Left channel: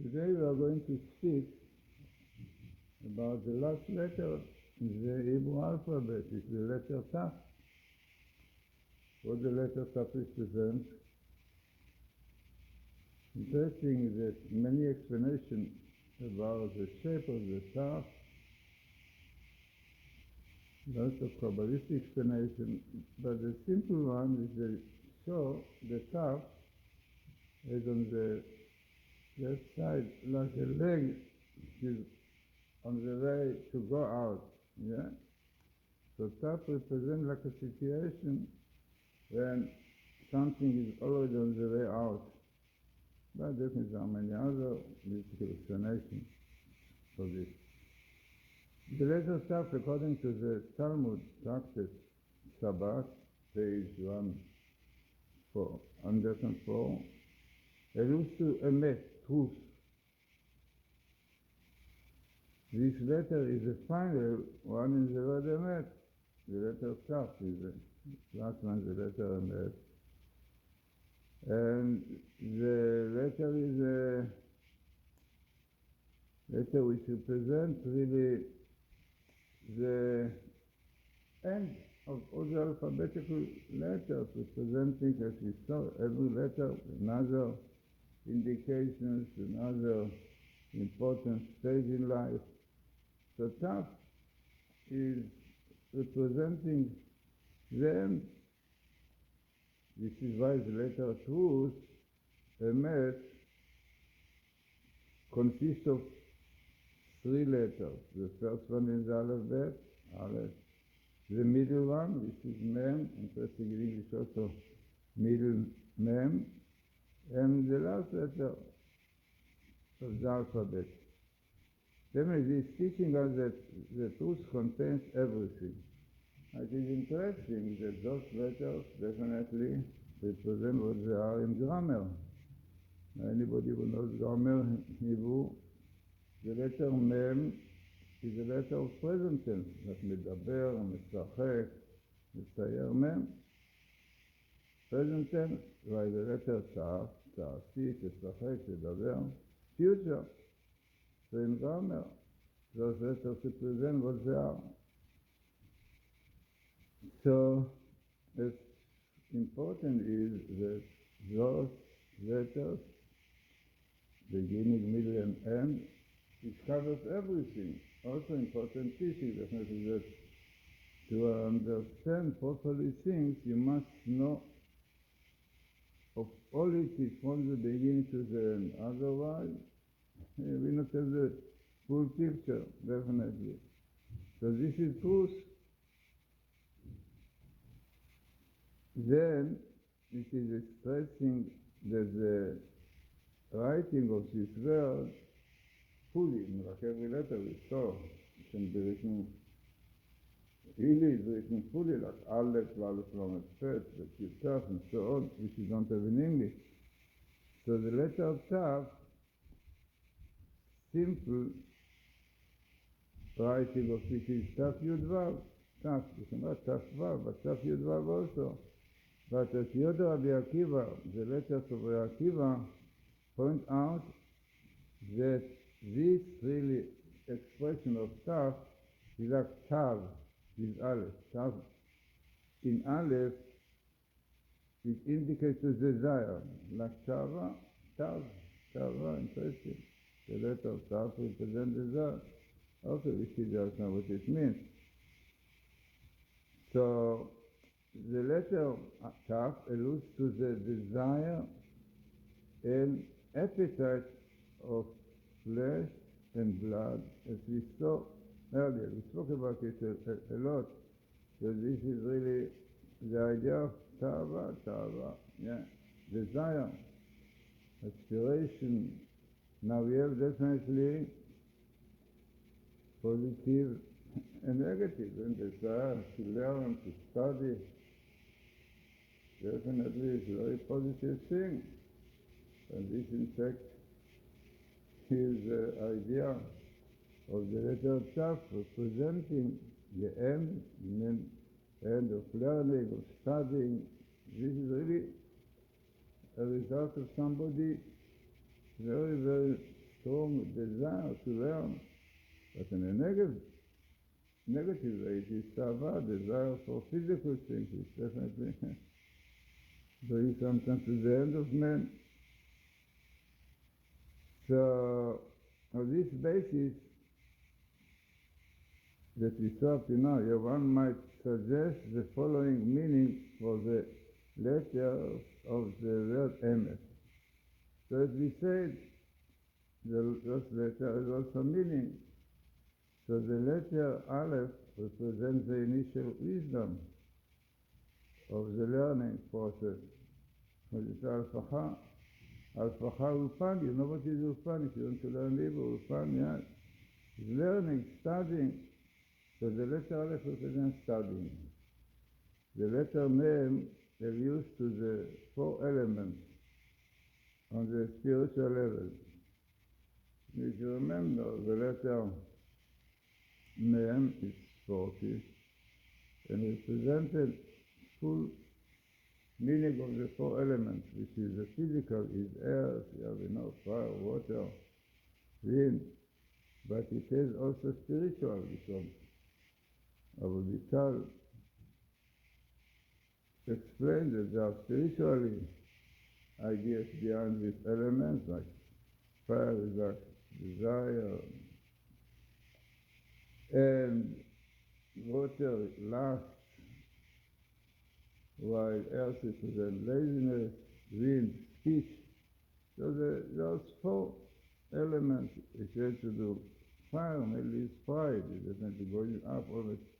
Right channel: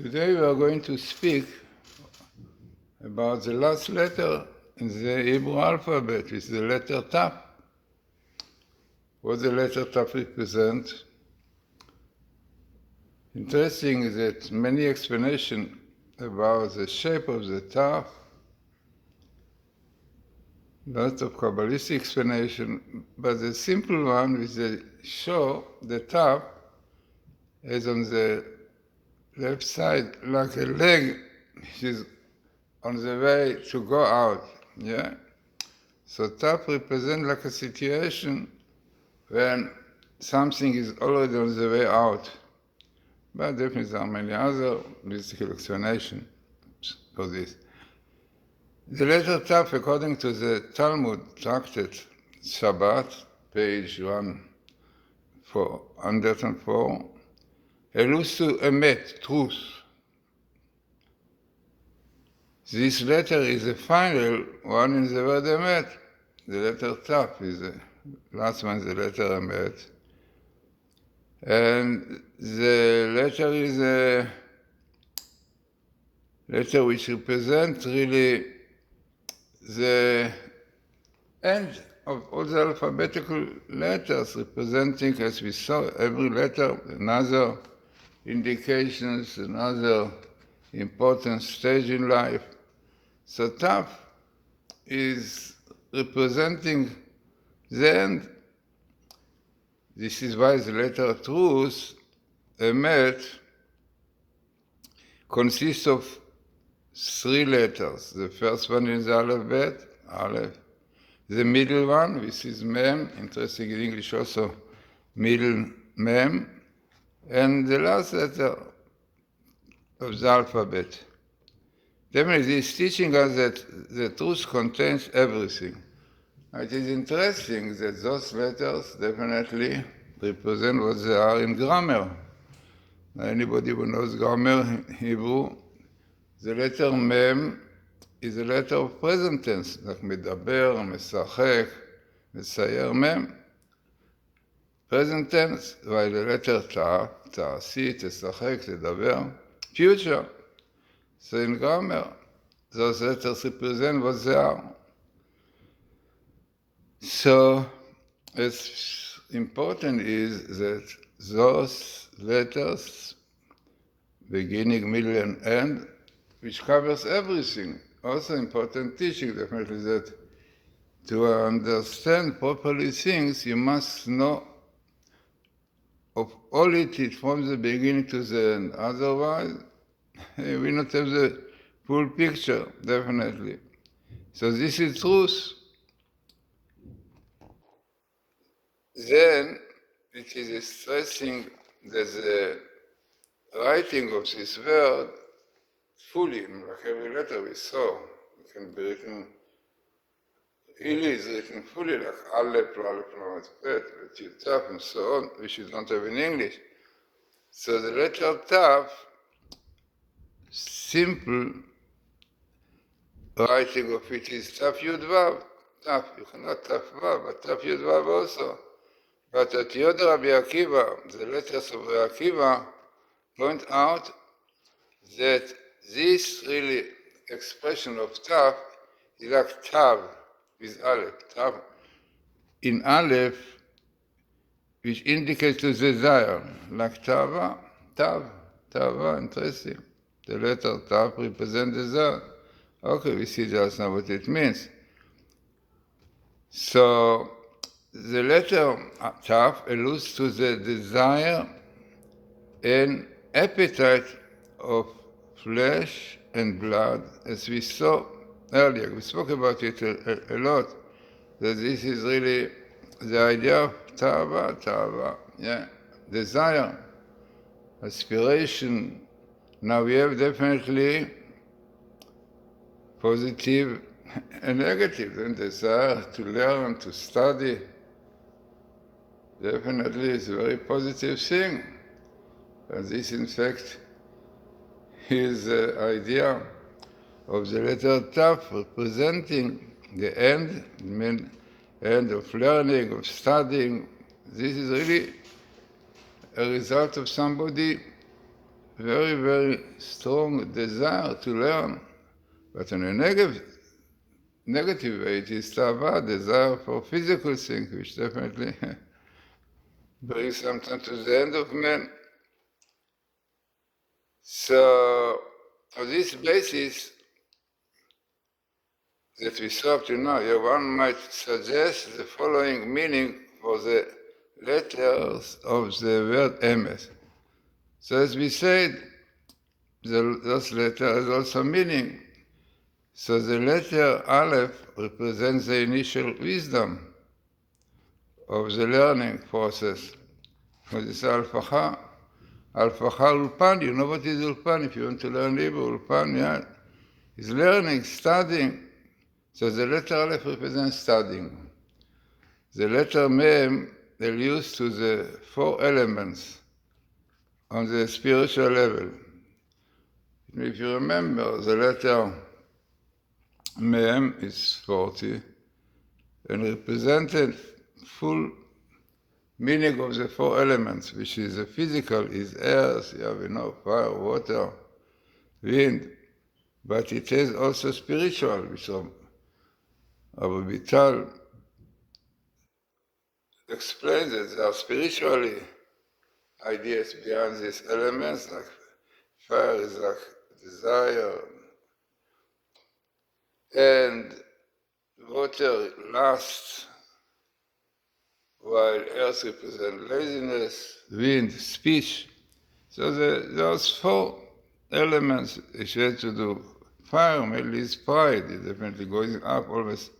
Today we are going to speak about the last letter in the Hebrew alphabet, which is the letter Tav. What the letter Tav represents? Interesting is that many explanations about the shape of the Tav, lots of Kabbalistic explanation, but the simple one which they show the Tav is on the left side like a leg which is on the way to go out. Yeah? So Tav represents like a situation when something is already on the way out. But definitely there are many other mystical explanations for this. The letter Tav, according to the Talmud tractate Shabbat, page 104, alludes to emet, truth. This letter is the final one in the word emet. The letter Tav is the last one, the letter emet. And the letter is a letter which represents really the end of all the alphabetical letters, representing, as we saw, every letter, another indications, another important stage in life. So Tav is representing the end. This is why the letter Truth, Emet, consists of three letters. The first one is the alphabet, Aleph. The middle one, which is Mem, interesting in English also, middle Mem. And the last letter of the alphabet. Definitely, this is teaching us that the truth contains everything. It is interesting that those letters definitely represent what they are in grammar. Anybody who knows grammar in Hebrew, the letter Mem is a letter of present tense, like medaber, משחק, מצייר, Mem. Present tense, while the letter Tav, תעשי, תשחק, תדבר, future. So in grammar, those letters represent what they are. So, it's important is that those letters, beginning, middle, and end, which covers everything, also important teaching, definitely, that to understand properly things, you must know of all it from the beginning to the end. Otherwise, we will not have the full picture, definitely. So this is truth. Then it is stressing that the writing of this word fully, like every letter we saw, it can be written, really is written fully, like Aleph, Lamed, Pet, Tav, and so on, which you don't have in English. So the letter Tav, simple writing of it is Tav Yud Vav. Tav, you cannot Tav Vav, but Tav Yud Vav also. But at Yod Rabbi Akiva, the letters of Rabbi Akiva point out that this really expression of Tav is like Tav with Aleph. Tav in Aleph, which indicates the desire, like Tava, interesting. The letter Tav represents desire. Okay, we see just now what it means. So, the letter Tav alludes to the desire and appetite of flesh and blood, as we saw earlier. We spoke about it a lot, that this is really the idea of Tava, yeah, desire, aspiration. Now we have definitely positive and negative, and desire to learn, to study. Definitely is a very positive thing. And this, in fact, is the idea of the letter Tav, representing the end of learning, of studying. This is really a result of somebody very, very strong desire to learn, but in a negative way, it is tava, desire for physical things, which definitely brings something to the end of man. So, on this basis that we saw up to now, one might suggest the following meaning for the letters of the word emes. So as we said, those letters has also meaning. So the letter Aleph represents the initial wisdom of the learning process. For this Alfacha Ulpan, you know what is Ulpan? If you want to learn Hebrew, Ulpan, yeah, is learning, studying. So the letter Aleph represents studying. The letter Mem alludes to the 4 elements on the spiritual level. If you remember, the letter Mem is 40 and represented full meaning of the 4 elements, which is the physical, is earth, fire, water, wind, but it has also spiritual, which Abu Vital explains that there are spiritually ideas behind these elements, like fire is like desire, and water lasts, while earth represents laziness, wind, speech. So those 4 elements which had to do. Fire mainly is pride, it's definitely going up always.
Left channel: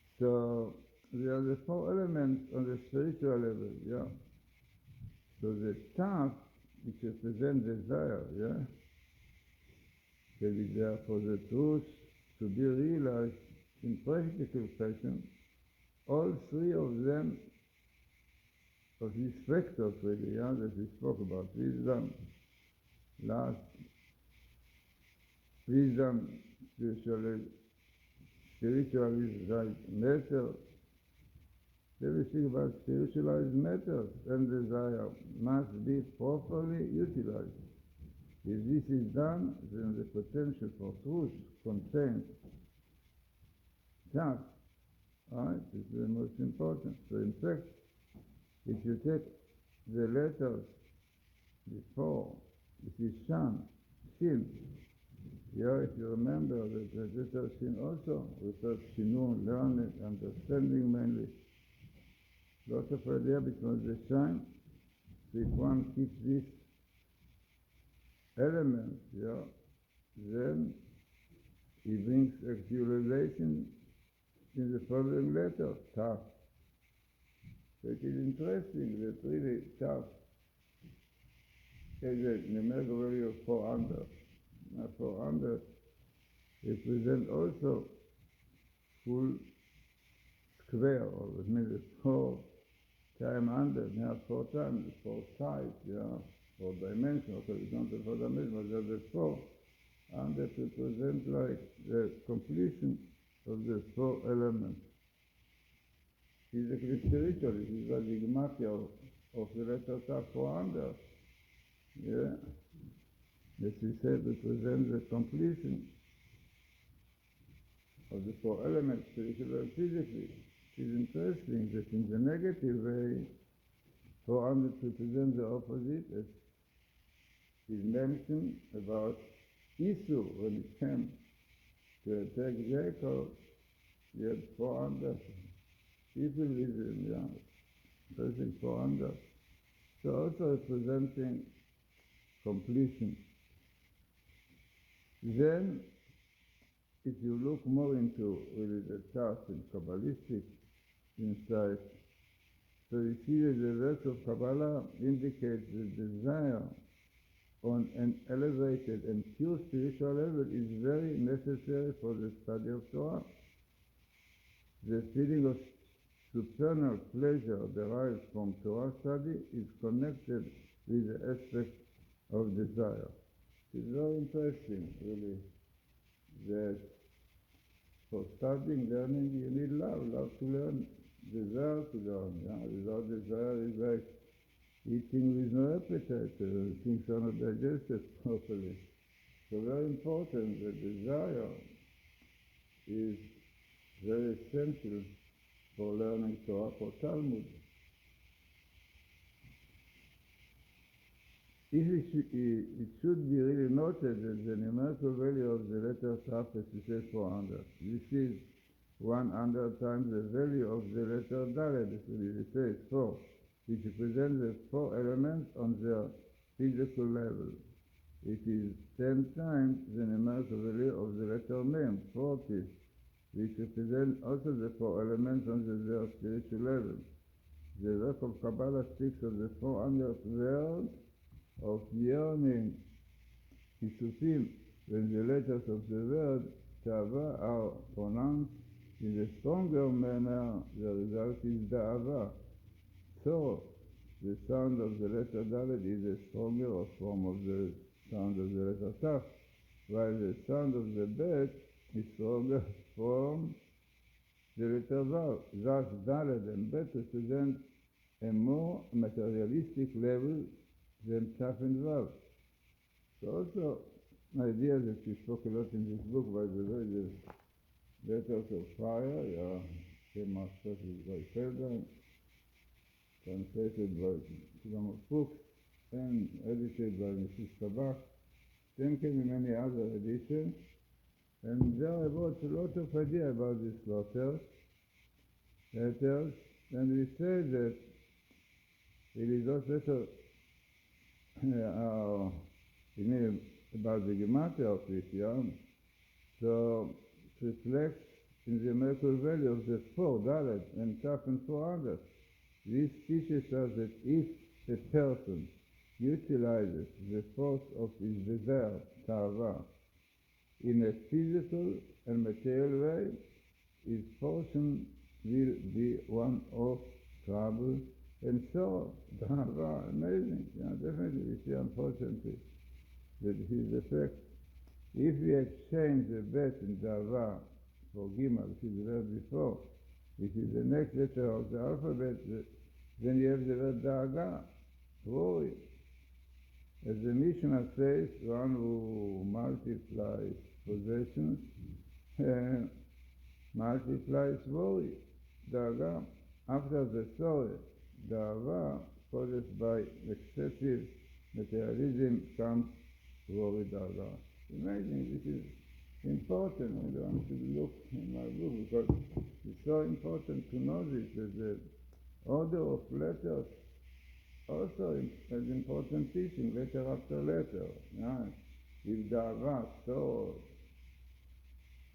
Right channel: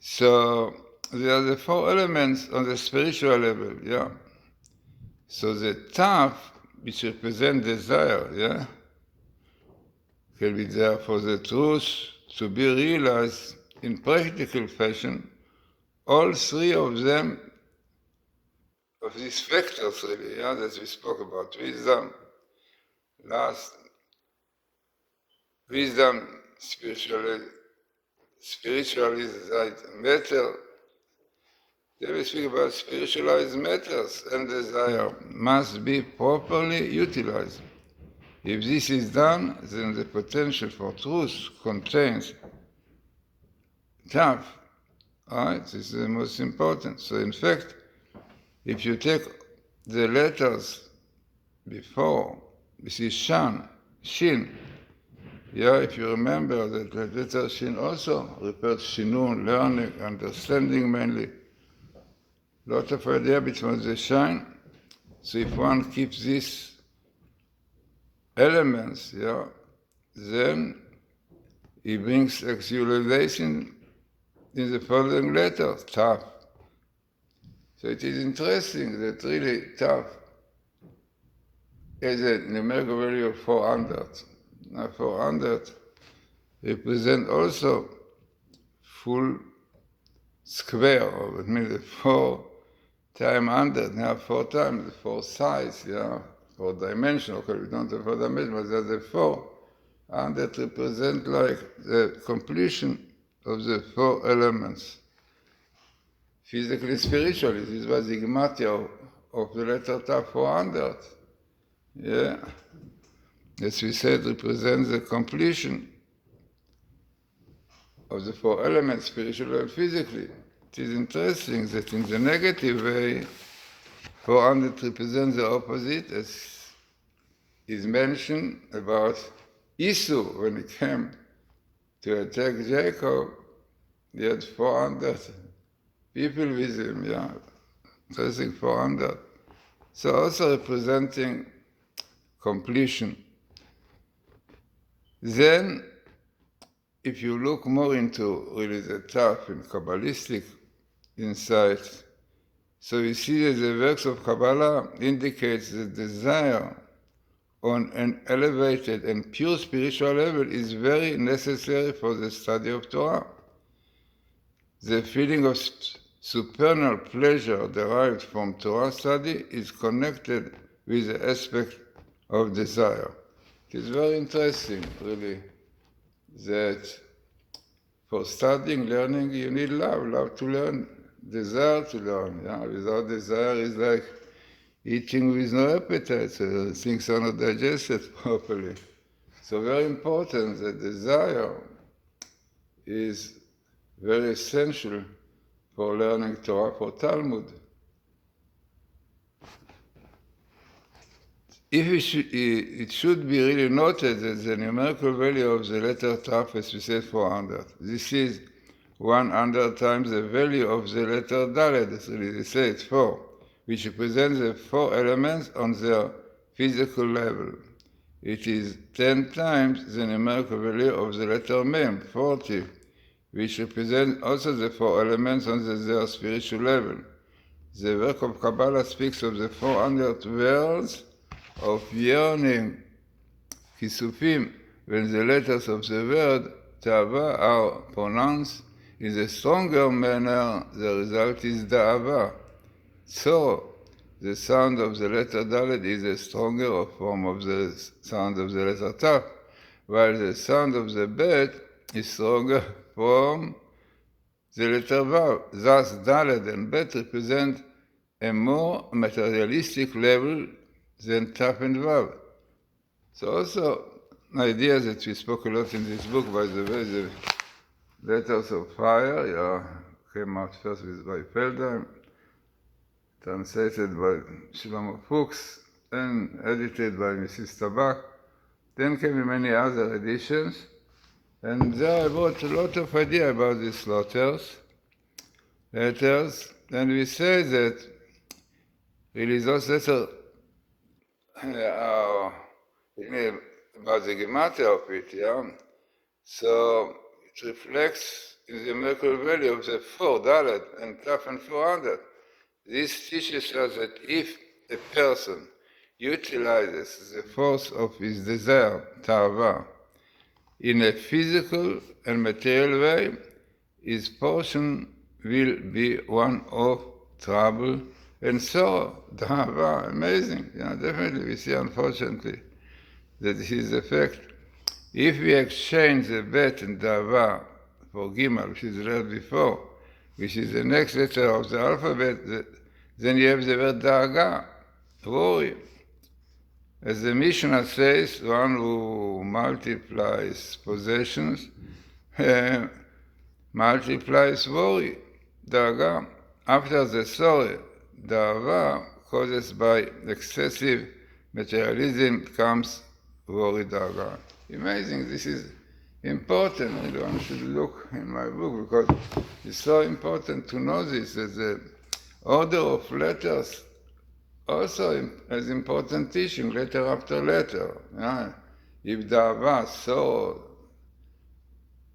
So there are the 4 elements on the spiritual level, yeah. So the Taf, which represents desire, can be there for the truth to be realized in practical fashion. All 3 of them, of these factors really, that we spoke about, wisdom, wisdom, spiritualized matter. Then we speak about spiritualized matters, and desire must be properly utilized. If this is done, then the potential for truth contains Taf. Right? This is the most important. So in fact, if you take the letters before, this is Shin, if you remember that the letter Shin also refers Shinun, learning, understanding mainly. Lot of idea between the Shin. So if one keeps these elements, then he brings actualization in the following letter, Taf. So it is interesting that really Taf has a numerical value of 400. Now 400 represent also full square, or it means 4 times 100, now 4 times the 4 sides, 4 dimension. Okay, we don't have 4 dimension, but there's the 4. And that represent like the completion of the 4 elements. Physically, spiritually, this was the Matityahu of the letter Tav 400. As we said, represents the completion of the 4 elements, spiritually and physically. It is interesting that in the negative way, 400 represents the opposite, as is mentioned about Esau when he came to attack Jacob. He had 400 people with him, interesting 400. So also representing completion. Then, if you look more into really the Taf and Kabbalistic insight, so you see that the works of Kabbalah indicates the desire on an elevated and pure spiritual level is very necessary for the study of Torah. The feeling of supernal pleasure derived from Torah study is connected with the aspect of desire. It is very interesting, really, that for studying, learning, you need love to learn, desire to learn. Without desire, it's like eating with no appetite, so things are not digested properly. So very important, the desire is very essential for learning Torah, for Talmud. It should be really noted that the numerical value of the letter Taf, as we said, 400. This is 100 times the value of the letter Dalet, so they say it's 4, which represents the 4 elements on their physical level. It is 10 times the numerical value of the letter Mem, 40, which represents also the 4 elements on their spiritual level. The work of Kabbalah speaks of the 400 words of yearning, kisufim, when the letters of the word Ta'ava are pronounced in a stronger manner, the result is Da'ava. So, the sound of the letter Dalet is a stronger form of the sound of the letter Taf, while the sound of the Bet is stronger from the letter Vav. Thus, Dalet and Bet represent a more materialistic level than Taf and Vav. So also, an idea that we spoke a lot in this book, by the way, the Letters of Fire, came out first by Feldheim, translated by Shlomo Fuchs, and edited by Mrs. Tabak. Then came many other editions, and there I brought a lot of idea about these letters, and we say that really those letters are about the gematria of it, So it reflects in the numerical value of the 4, Dalet, and Taf, and 400. This teaches us that if a person utilizes the force of his desire, Ta'ava, in a physical and material way, his portion will be one of trouble and sorrow. Ta'ava, amazing. Definitely we see, unfortunately, that this is the fact. If we exchange the Bet and Ta'ava for Gimel, which is read before, which is the next letter of the alphabet, then you have the word Da'aga, worry. As the Mishnah says, one who multiplies possessions multiplies worry, Da'aga. After the sorry, Da'ava, caused by excessive materialism, comes worry, Da'aga. Amazing, this is important. One should look in my book because it's so important to know this, that the order of letters also has important teaching, letter after letter. If Da'ava, so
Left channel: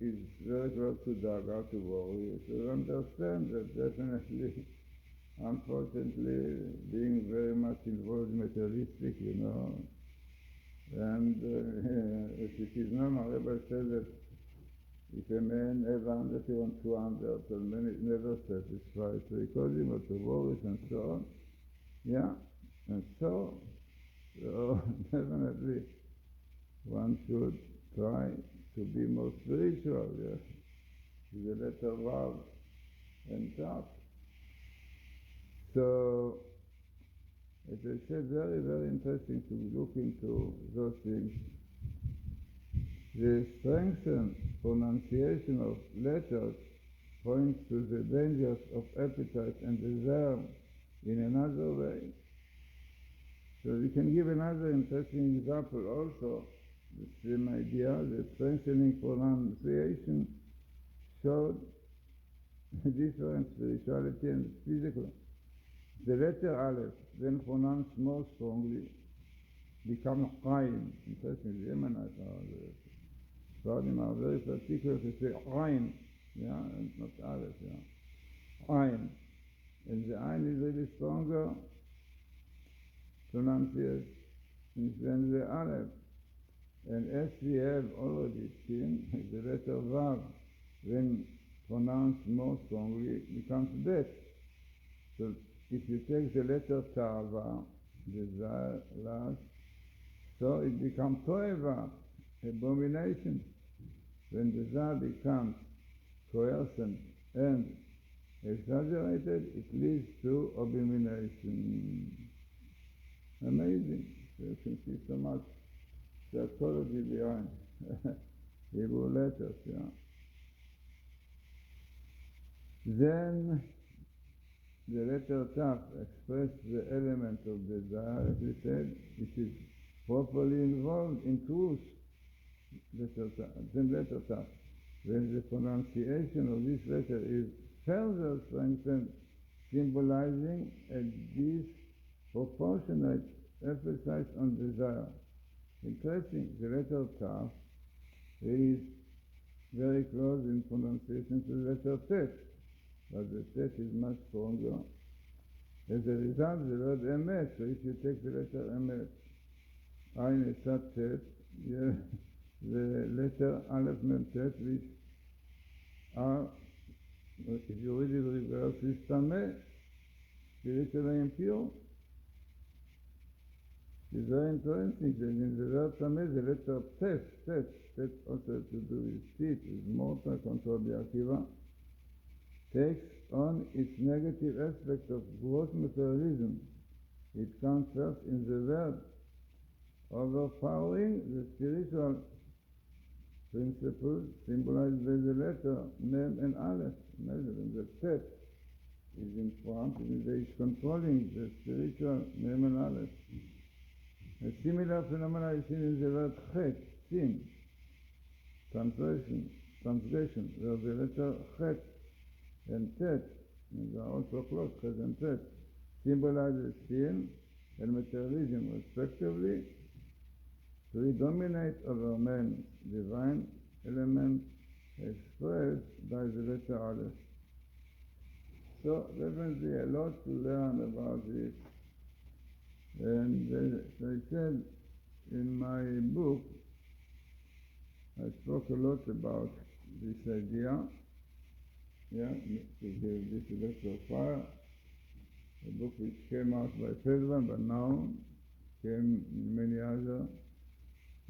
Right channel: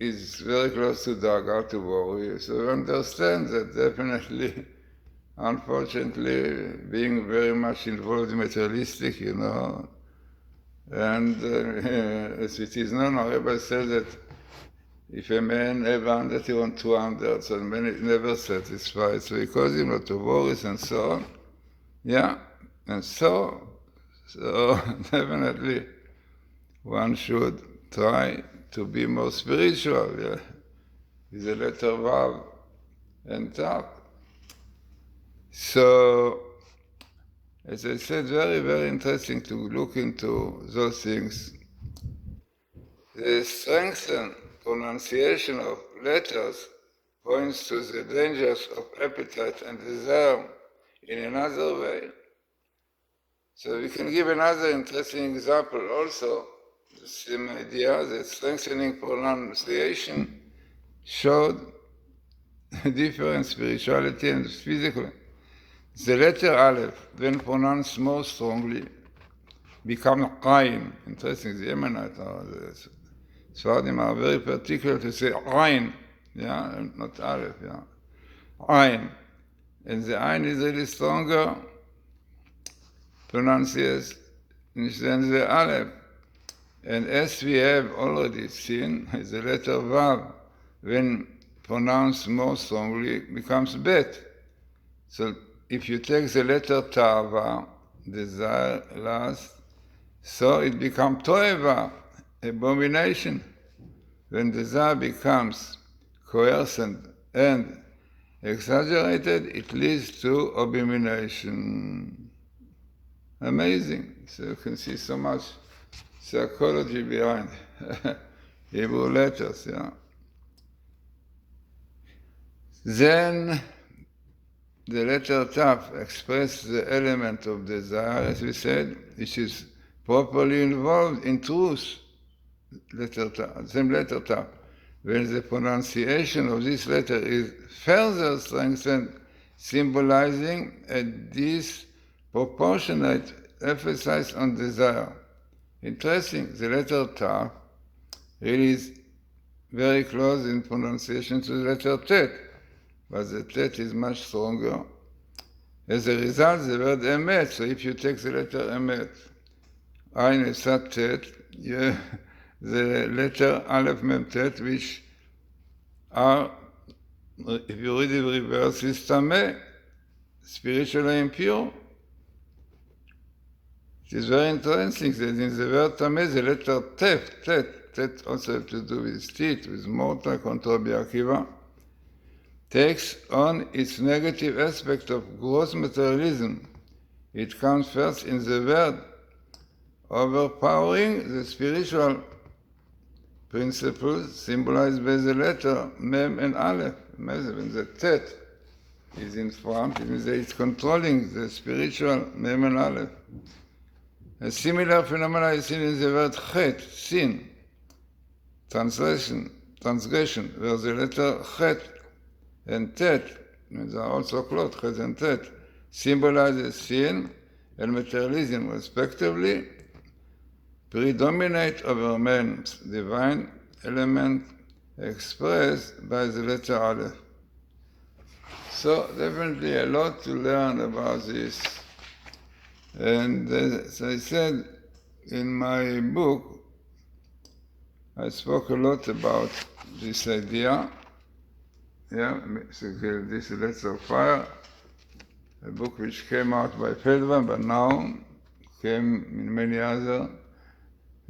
is very close to Da'aga, to worry, so you understand that definitely, unfortunately, being very much involved in materialistic, and as it is known, our Rebbe said that if a man have 100, he wants 200, so man is never satisfied. So he calls him lot of worries and so on. And so definitely one should try to be more spiritual, with the letter Vav and Taf. So, as I said, very, very interesting to look into those things. The strengthened pronunciation of letters points to the dangers of appetite and desire in another way. So we can give another interesting example also. The same idea that strengthening pronunciation showed different spirituality and physical. The letter Aleph, when pronounced more strongly, becomes Ayin. Interesting, the Yemenite or the Sfardim are very particular to say Ayin, and not Aleph, Ayin. And the Ayin is really stronger pronunciation than the Aleph. And as we have already seen, the letter Vav, when pronounced more strongly, becomes Bet. So if you take the letter Ta'ava, desire, last, so it becomes Toeva, abomination. When desire becomes coercent and exaggerated, it leads to abomination. amazing. So you can see so much psychology behind Hebrew letters, yeah. Then the letter Taf expresses the element of desire, as we said, which is properly involved in truth. Letter Taf, same letter Taf. When the pronunciation of this letter is further strengthened, symbolizing a disproportionate emphasis on desire. Interesting, the letter Taf really is very close in pronunciation to the letter Tet, but the Tet is much stronger. As a result, the word Emet, so if you take the letter Emet, Ayin Esat Tet, the letter Aleph Mem Tet, which are, if you read it reverse, is Tameh, spiritually impure. It is very interesting that in the word Tameh, the letter Tet also have to do with teeth, with mortar, contra Rabbi Akiva, takes on its negative aspect of gross materialism. It comes first in the word, overpowering the spiritual principles symbolized by the letter Mem and Aleph. When the Tet is in front, it means that it's controlling the spiritual Mem and Aleph. A similar phenomenon is seen in the word Chet, sin, transgression, where the letter Chet and Tet, they are also close, Chet and Tet, symbolizes sin and materialism respectively, predominate over man's divine element expressed by the letter Aleph. So definitely a lot to learn about this. And as I said in my book, I spoke a lot about this idea. Yeah, this is Letters of Fire, a book which came out by Feldman, but now came in many other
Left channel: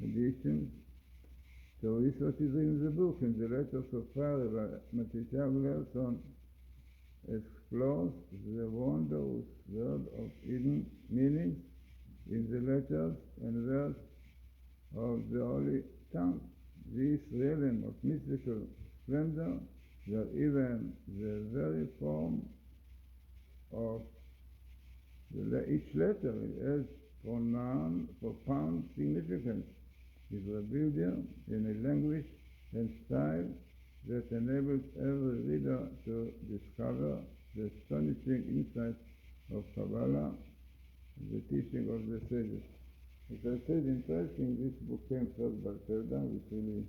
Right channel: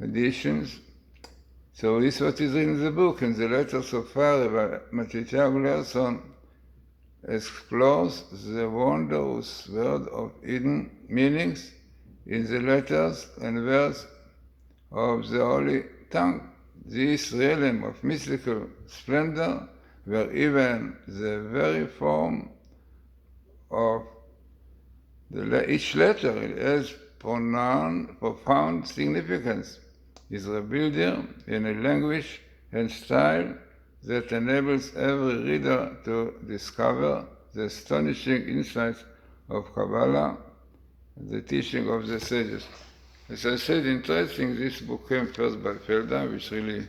editions. So this is what is in the book, and the Letters of Fire by Matityahu Glazerson explores the wondrous world of hidden meanings in the letters and words of the Holy Tongue. This realm of mystical splendor, where even the very form of each letter has profound significance, is revealed here in a language and style that enables every reader to discover the astonishing insights of Kabbalah and the teaching of the sages. As I said, interesting, this book came first by Feldman, which really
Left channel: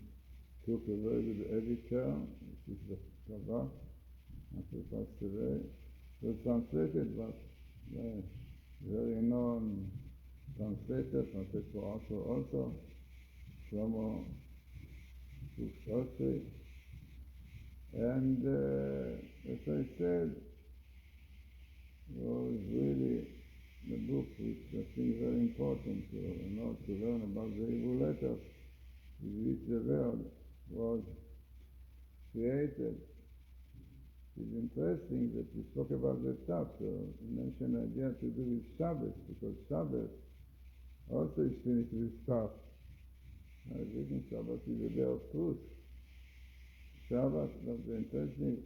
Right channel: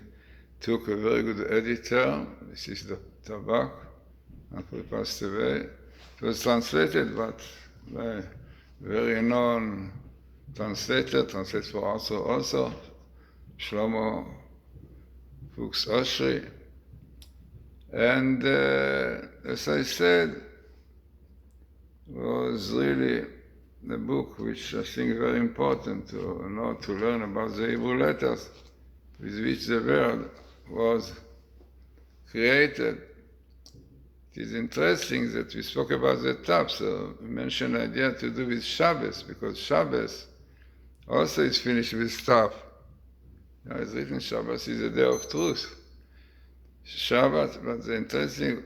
took a very good editor. This is the Tabak, after he passed away. It was translated, but by a very known translated for us also, Shlomo Fuchs Oshri. And as I said, was really the book which I think very important to learn about the Hebrew letters with which the world was created. It is interesting that we spoke about the Taf, so we mentioned an idea to do with Shabbos, because Shabbos also is finished with Taf. It's written Shabbos is a day of truth. Shabbat, but the interesting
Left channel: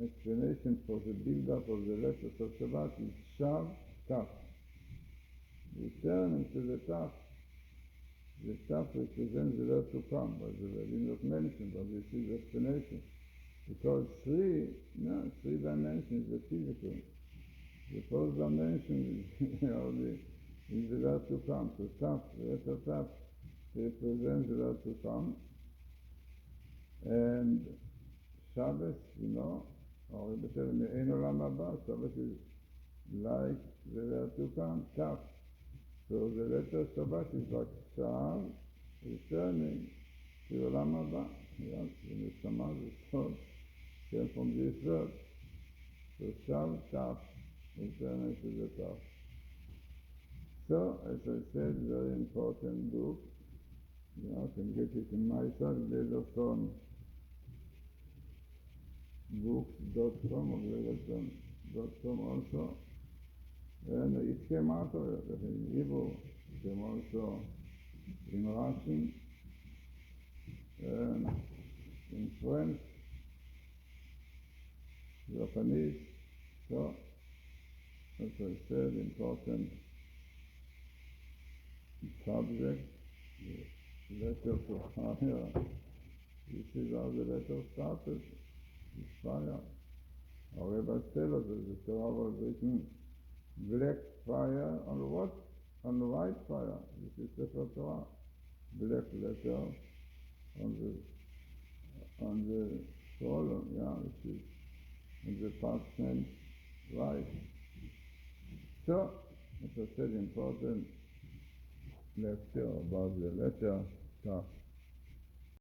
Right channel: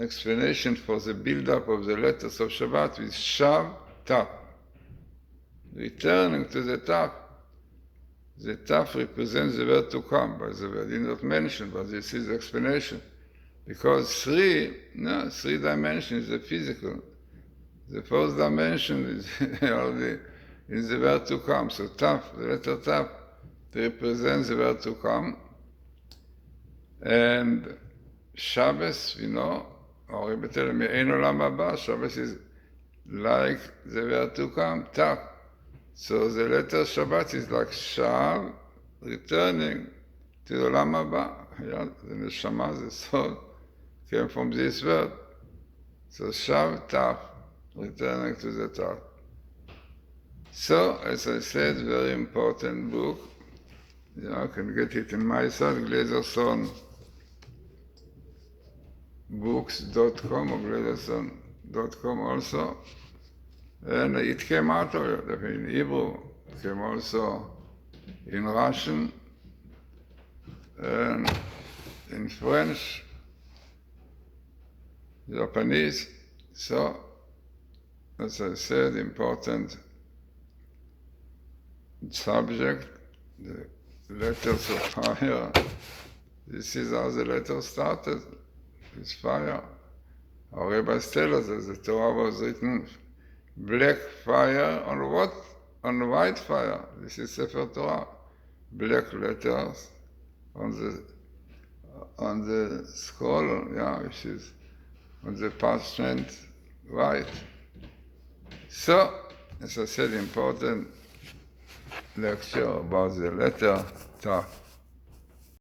explanation for the build-up of the letters of Shabbat is Shav Taf. Returning to the Taf. The Taf represents the word to come, but the word is not mentioned, but this is the explanation. Because three dimensions is the physical. The fourth dimension is the word to come. So Taf, the letter Taf, represents the word to come. And Shabbos, or better, Me'ein Olam Haba, Shabbos is like the word to come, Taf. So the letter Shabbat is like Shav, returning to the Olam Haba. The Neshama, the soul, came from this word. So Shav, Taf, returning to the Taf. So, as I said, very important book. I can get it in my site, Glazerson books.com or glazerson.com also. And it came out in Hebrew, it came also in Russian, and in French, Japanese. So, as I said, important subject, the letters of fire. This is how the letter started, with fire. Our rabbis tell us that the Torah was written black fire on what? On white fire. This is Sefer Torah. Black letters on the scroll, which is on the parchment white. So, as I said, important lecture about the letter Ta.